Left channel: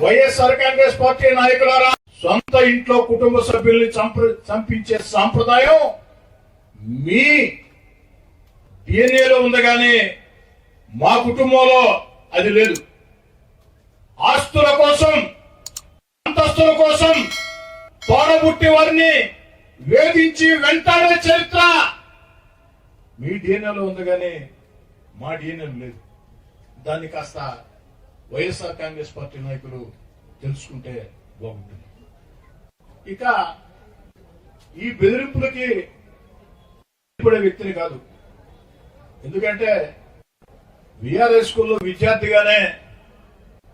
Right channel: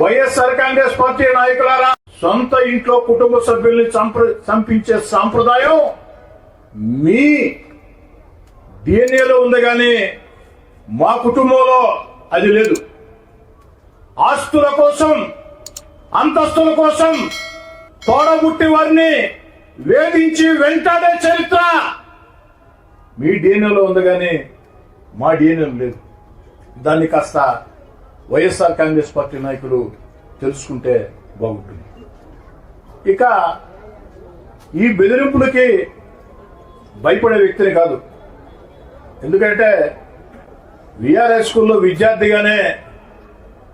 YSR Congress party నాయకులారా సొంత ఇంట్లో కుటుంబ సభ్యుల్ని చంప- చంపించే సాంప్రదాయం మీ డిఎన్ఏలో ఉంది కానీ మా కుటుంబంలో అది లేదు. ఆస్తుల కోసం అంతస్తుల కోసం తోడబుట్టి వారిని వేధించి వెంటాడే చరిత్ర మీ డిఎన్ఏలో ఉంది కానీ మా డిఎన్ఏ లేదు. దాన్ని కాస్త వైఎస్ఆర్ కాంగ్రెస్ పార్టీ నాయకులు తెలుసుకుంటే బాగుంటుంది. ఇక ఈ బెదిరింపులకి భయపడే వ్యక్తిని కాదు. ఎందుకంటే విఆర్ఎస్ స్కూల్లో విద్యార్థిగానే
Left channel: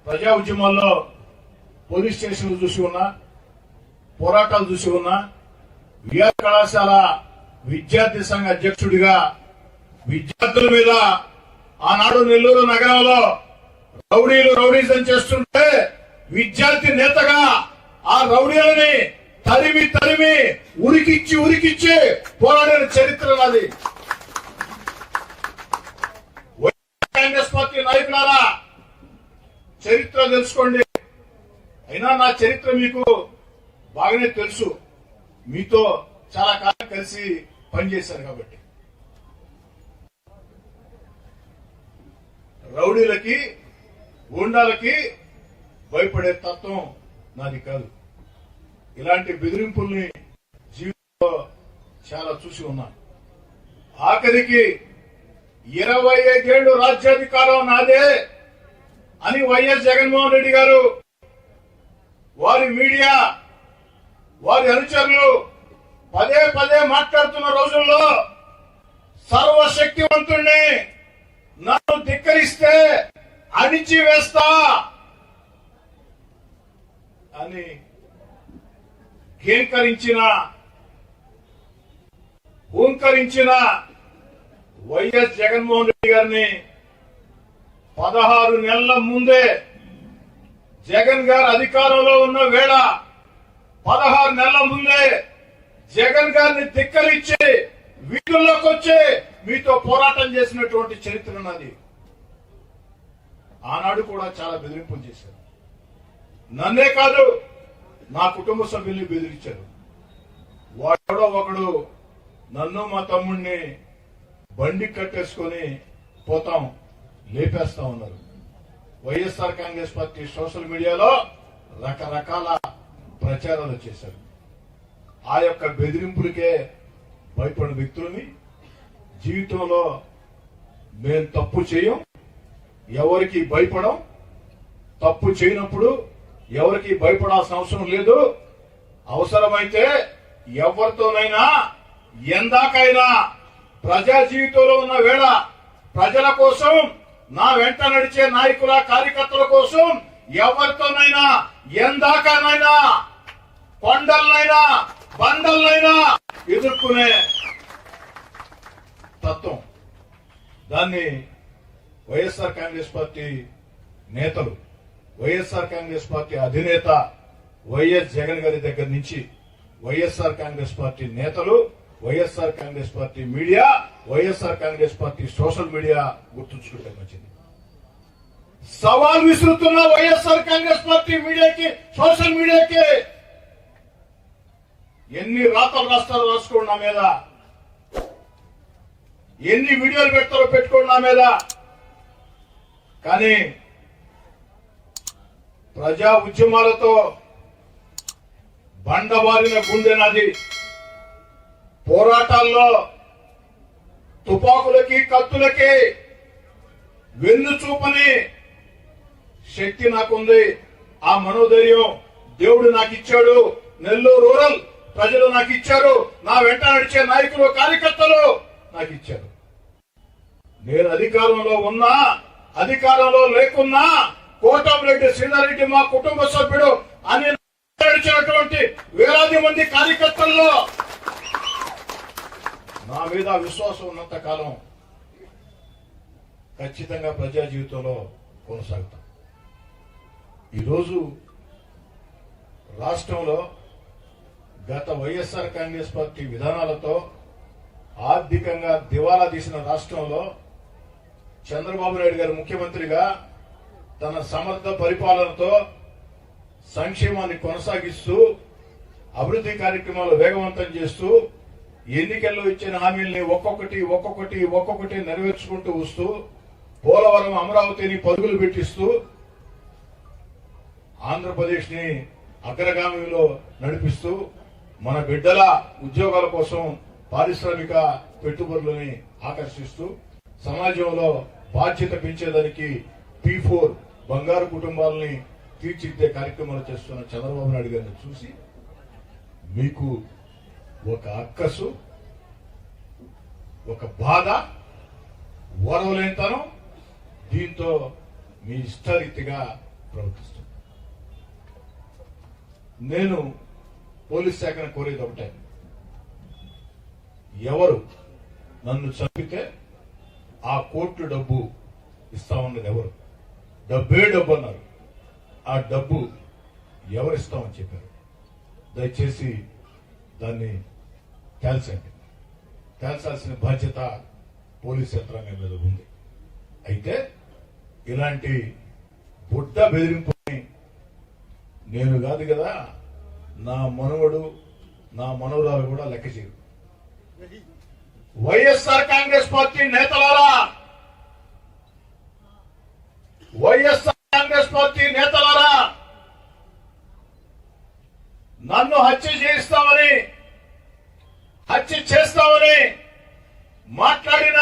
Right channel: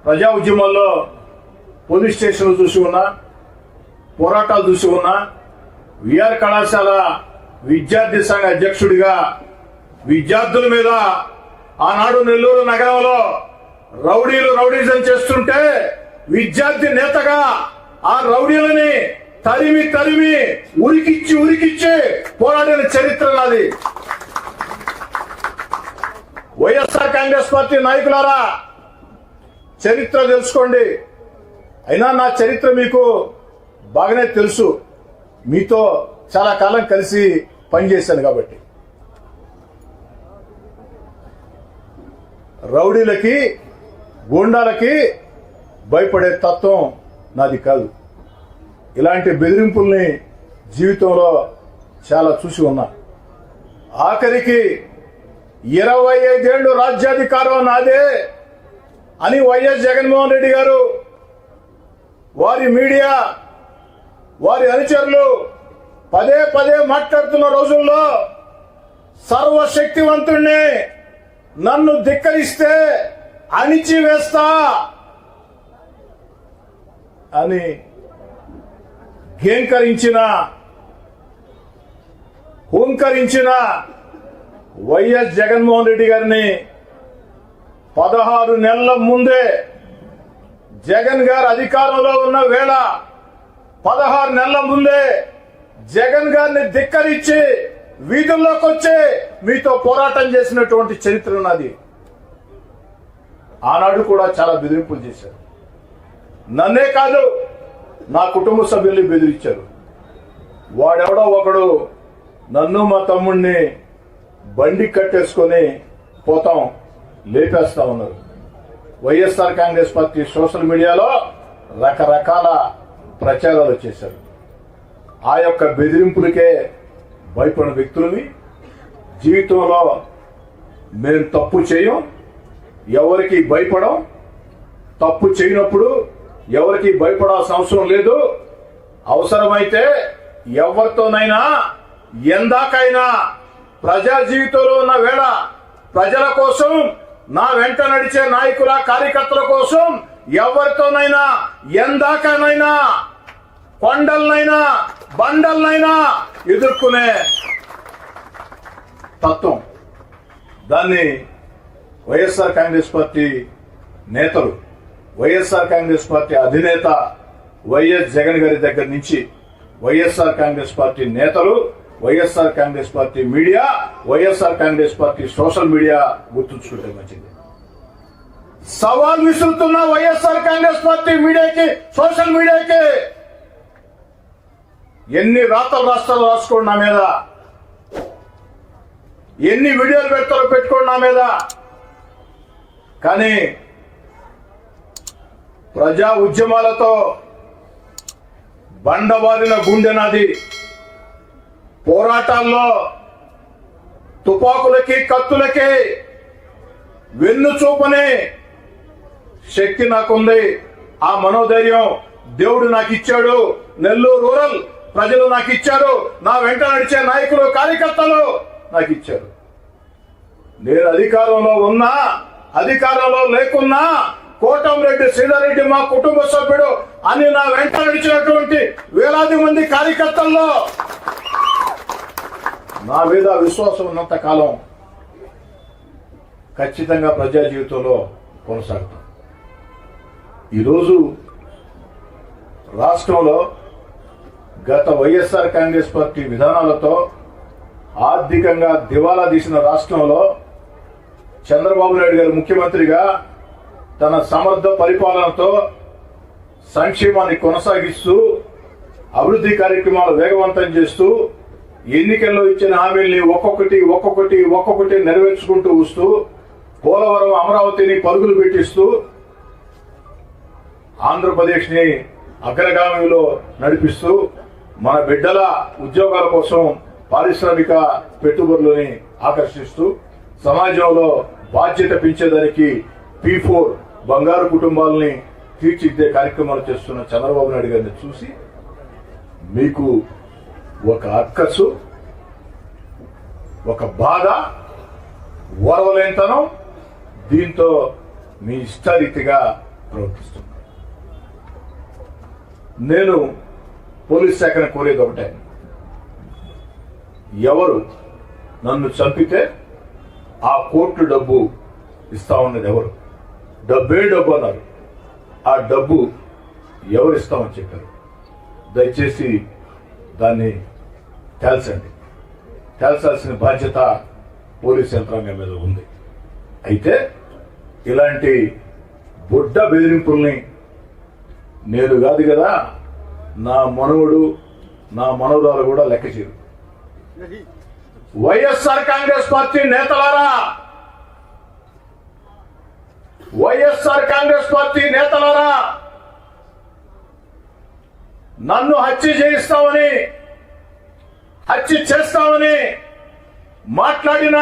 ప్రజా ఉద్యమాల్లో పోలీస్ స్టేషన్లు చూసి ఉన్నా పోరాటాలు చూసి ఉన్నా విఆర్ కళాశాల విద్యార్థి సంఘ అధ్యక్షుడిగా విద్యార్థుల మీద ఆనాడు నెల్లూరు నగరంలో రౌడీలు రౌడీజం చేస్తుంటే విద్యార్థి నేతగా ఆ రౌడీలని తరిమి తరిమి ఉరికిచ్చి ఉరికిచ్చి పోరాడిన చరిత్ర నాది. వైఎస్ఆర్ కాంగ్రెస్ పార్టీ నాయకులారా చరిత్ర తెలుసుకోండి. అయినా నా చరిత్ర మీకు బాగానే తెలుసు. మీతో చాలా కాలం కలిసి పనిచేశాను కాబట్టి. రౌడీలకి గూండాలకి భయపడే తత్వం నాది కాదు. ఇలాంటి బెదిరింపుల్ని జీవితంలో చాలా చూసి ఉన్నా. ఆఖరికి ఇరవై ఐదేళ్ళు రాజ్యాధికారం నాదే అని వైఎస్ జగన్మోహన్ రెడ్డి గారు వారి మీడియా వారి అనుచరులు పదే పదే మాట్లాడుతున్న రోజుల్లో సర్వశక్తివంతుణ్ణి నన్ను ధిక్కరిస్తే అణిచివేస్తా! అని గేంకరించిన హూంకరించిన వైఎస్ జగన్మోహన్ రెడ్డి గారిని పదహారు నెలల ముందే జగన్ గారు అధికారంలో ఉన్న వేళ పదహారు నెలల ముందే జగన్ గారిని ధిక్కరించి వీధుల్లోకి వచ్చి మీతో పోరాటం చేసినటువంటి చరిత్ర ఉన్నది. ఆనాడు కూడా చాలా బెదిరింపులు చేశారు. నన్నే కాదు నా కుటుంబ సభ్యుల్ని బెదిరించారు. వాడెవడో ఒకడు నన్ను మా తమ్ముణ్ణి బండి కట్టేసుకొని పోతాం లేపేస్తా ఉన్నారు. వైఎస్ఆర్ కాంగ్రెస్ పార్టీ సోషల్ మీడియాలో రకరకాల ప్రచారాలు చేశారు. ఆ యొక్క బెదిరింపులకే భయపడిన వ్యక్తులని జీవితంలో మేము తప్పు చేయం ఎవరికి భయపడం తప్పు చేయనప్పుడు ఎవరికి భయపడాల్సిన అవసరం లేదు. అవసరమైతే ఎవరితోనైనా ఎందాకైనా ప్రజా జీవితంలో ఉన్న వేళ ప్రజల కోసం నా వెంట నడిచే నాయకుల కార్యకర్తల కోసం ఎవరితోనైనా ఎందాకనైనా కొండలనైనా బండలనైనా ఎదుర్కొనే తత్వం. దాన్ని వైఎస్ఆర్ కాంగ్రెస్ పార్టీ నేతలు వైఎస్ఆర్ కాంగ్రెస్ పార్టీ అధినేత వైఎస్ జగన్ గారి దగ్గర నుంచి వైఎస్ఆర్ కాంగ్రెస్ పార్టీ నేతలు YSR Congress party media YSR Congress party social media గుర్తుంచుకుంటే మంచిది. సవాల్ విసురుతున్న వైఎస్ఆర్ కాంగ్రెస్ పార్టీ మీడియాకి సోషల్ మీడియాకి ఎన్ని రాతలు రాస్తారో రాసుకోండి నా మీద. ఎన్ని వీడియోలు పెడతారో పెట్టుకోండి నా మీద. కానీ ప్రజా ఉద్యమాలతో బండవారిన గుండె నాది. పోరాటాల్లో తుపాకులకి కత్తులకి వెన్ను చూపని శక్తి నాకుంది. ఆ మనోధైర్యం దేవుడు నాకు ఇచ్చాడు నెల్లూరు రూరల్ ప్రజలు నాకు ఇచ్చారు నా వెంట నడిచే నాయకులు కార్యకర్తలు నాకు ఇచ్చారు నేను అధికారంలో ఉన్నా అధికారంలో లేకున్నా కోటంరెడ్డి శ్రీధర్రెడ్డి మా కుటుంబ సభ్యుడు అని నా వెంట నడిచినటువంటి వేలాది మంది కార్యకర్తల్లో నా మీద విశ్వాసం ఉన్నంత కాలం ఖచ్చితంగా ప్రజా జీవితంలో కొనసాగుతాం. ఈరోజు రాష్ట్రంలో గత వైఎస్ఆర్ కాంగ్రెస్ పార్టీ విధానాలతో ఆర్థికంగా దివాలా తీసిన రాష్ట్రంలో చంద్రబాబు నాయుడు గారు ముఖ్యమంత్రిగా తన సమర్థ పరిపాలనతో సంక్షేమాన్ని కొనసాగిస్తూ అభివృద్ధి కార్యక్రమాలు వేగవంతం చేస్తూ ఎన్నికల్లో ఇచ్చిన హామీల్ని ఒక్కొక్కటి ఒక్కొక్కటి ఒక్కొక్కటి నెరవేర్చుకుంటూ వస్తూ పోలవరం అమరావతిని పరుగులు పెట్టిస్తూ ఆంధ్రప్రదేశ్ని అగ్రగామిలో నడిపిస్తూ మన బిడ్డల ఉద్యోగాల కోసం పారిశ్రామిక పెట్టుబడులని ఆకర్షిస్తూ సమాజంలో బాధ్యత పెంచేదానికి పి ఫోర్ బంగారు కుటుంబాలని తీర్చిదిద్దే కార్యక్రమాలు చేస్తున్న చంద్రబాబు నాయుడు గారిని చూసి మీకు ఒక అక్కసు ఒక బాధ ఓర్వలేనితనం దీంతో మీ ఇష్టారీతిగా ప్రవర్తిస్తున్నారు నేను పోలీస్ శాఖను కోరేది ఒకటే. ఎవరు నన్ను చంపితే ఆ కోర్టు డబ్బు ఇస్తా ఉన్నది ఎవరు? డబ్బే డబ్బు అన్నారు. ఆ డబ్బు ఎవరు ఇస్తామని చెప్పారు? దయచేసి దాన్ని తేల్చండి. తేల్చాల్సిన బాధ్యత పోలీస్ యంత్రాంగం మీద ఉంది. అయితే ఇలాంటి బుడ్డ బెదిరింపుల్ని నేను కాదు కదా నా మనవడు నా మనవరాలు కూడా లెక్క చేయరు. వైఎస్ఆర్ కాంగ్రెస్ పార్టీ నేతలారా! వైఎస్ఆర్ కాంగ్రెస్ పార్టీ నేతలారా! నన్ను హత్య చేయిస్తామని హత్య చేస్తామని మాట్లాడిన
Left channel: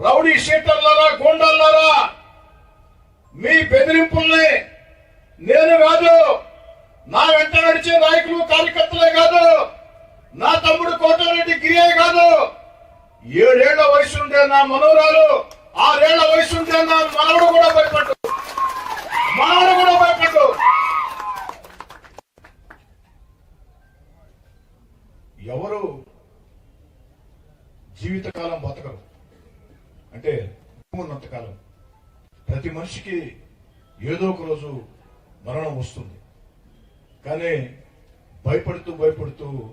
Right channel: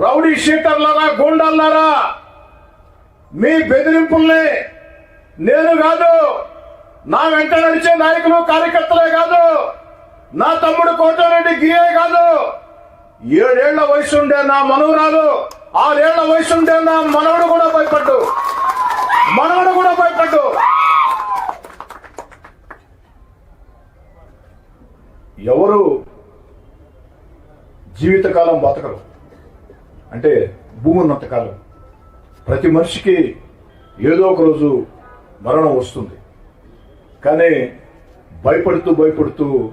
రౌడీ షీటర్లరా గూండాలారా మీ బెదిరింపుల్ని నేను కాదు నా వెంట నడిచే నాయకులు కార్యకర్తలే కాదు నా తమ్ముడు కోటరెడ్డి గీయే కాదు ఏడేళ్ళ వయసు ఉండే నా మనవరాలు ఆరేళ్ళ వయసు ఉండే నా మనవడు కూడా భయపడ్డు. మనవడు కూడా భయపడ్డు. ఎవరు జీవితకాలం బతకరు? అంటే భూమి ఉన్నంతకాలం ప్రతి మనిషికి ఏదో ఒక రోజు మరణం వస్తుంది. కానీ భయపడుతూ భయపడుతూ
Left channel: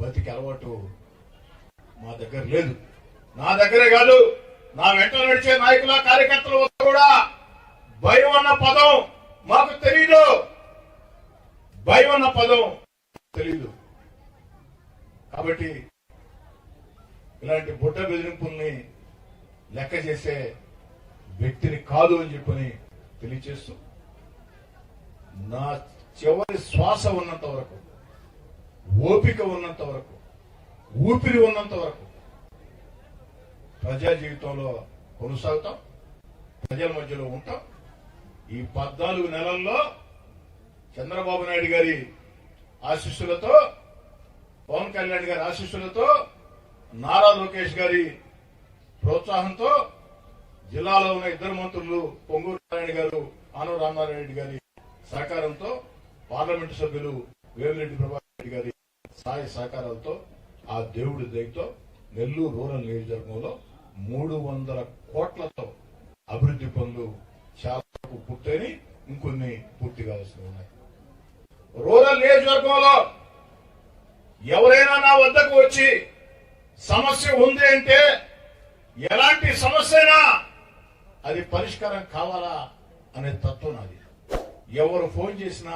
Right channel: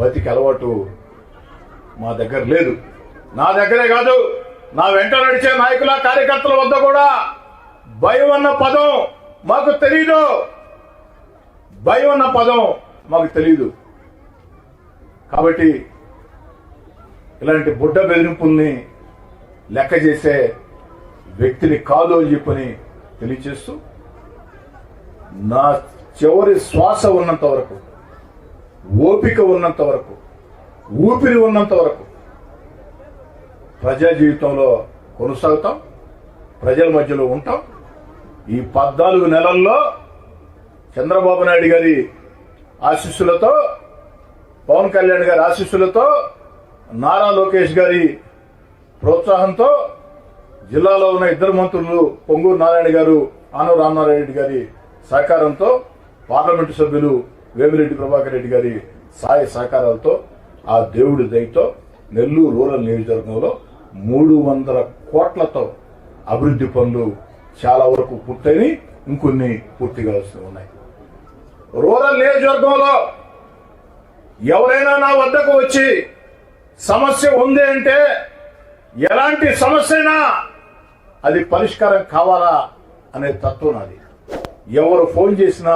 బతికి అలవాటు మా దగ్గర లేదు. నా దగ్గరే కాదు నా వెంట నడిచే నాయకుల కార్యకర్తల వద్ద కూడా భయం అన్న పదం మాకు తెలీదు. భయం అన్న పదం మాకు తెలీదు. కాబట్టి ఇలాంటి బుడ్డ బెదిరింపుల్ని లెక్క చేసే వ్యక్తిని కాదు అని చెప్పని తెలియచేస్తూ నా చివరి శ్వాస ఉన్నంత వరకు ఓపిక ఉన్నంత వరకు ఊపిరి ఉన్నంత వరకు ప్రజా జీవితంలో కొనసాగుతాం ప్రజల మధ్యలో ఉంటాం. ఈ పద్నాలుగు నెలల్లో చంద్రబాబు నాయుడు గారి ఆశీస్సులతో పవన్ కళ్యాణ్ గారి ఆశీస్సులతో నారా లోకేష్ గారి ప్రోత్సాహంతో జిల్లాలో ఉన్న ఇద్దరు మంత్రులు పొంగూరు నారాయణ గారు ఆనవ రామనారాయణ రెడ్డి గారి సహకారంతో పార్లమెంటు సభ్యులు వేమిరెడ్డి ప్రభాకర్ రెడ్డి గారి సాయ సహకారాలతో ఆ దేవుడి దయతో నెల్లూరు రూరల్ నియోజకవర్గంలో మూడు వందల కోట్లతో అభివృద్ధి పనులు చాలా వరకు పూర్తయి ఇంకొన్ని పూర్తి కావాల్సి ఉన్నాయి. రూరల్ నియోజకవర్గంలో ఎవరైనా నా వద్దకు వచ్చి సమస్య ఉంది అంటే ఎలాంటి సమస్య అయినా అది పరిష్కారం కావాలా అనే తత్వం నాది. ఎవరు ఫోన్ చేసినా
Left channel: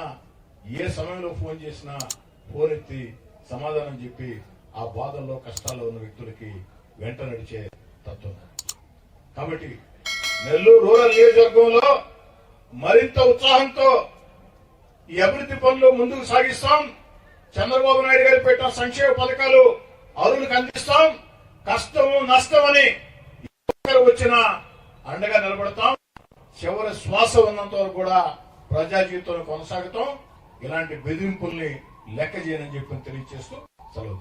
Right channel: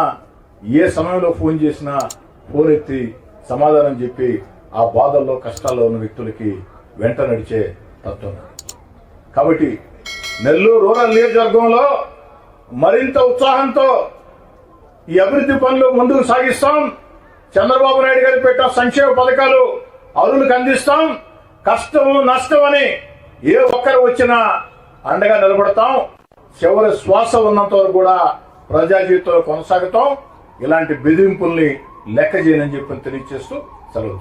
ఏ సమయంలో ఫోన్ చేసినా ఫోన్ ఎత్తి సమాధానం చెప్పి ఆ బాధల్లో కష్టాల్లో ఉన్న వ్యక్తులకి వెంట నడిచే తత్వం. కాబట్టి నెల్లూరు రూరల్ నియోజకవర్గంలో మరింత ఉత్సాహంతో ఈ అభివృద్ధి పనులు ముందుకు సాగిస్తాం. చంద్రబాబు నాయుడు గారు పెట్టిన సంక్షేమ పథకాలు అరువులకు అందిస్తాం. కష్టం నష్టం అని ఏ ఒక్కరు వచ్చినా అండగా నిలబడతాం. చివరి శ్వాస ఉన్నంత వరకు కూడా ప్రజా జీవితంలో కొనసాగుతాం. ఇలాంటి బెదిరింపుల్ని లెక్క చేయనని చెప్పి తెలియజేస్తూ సెలవు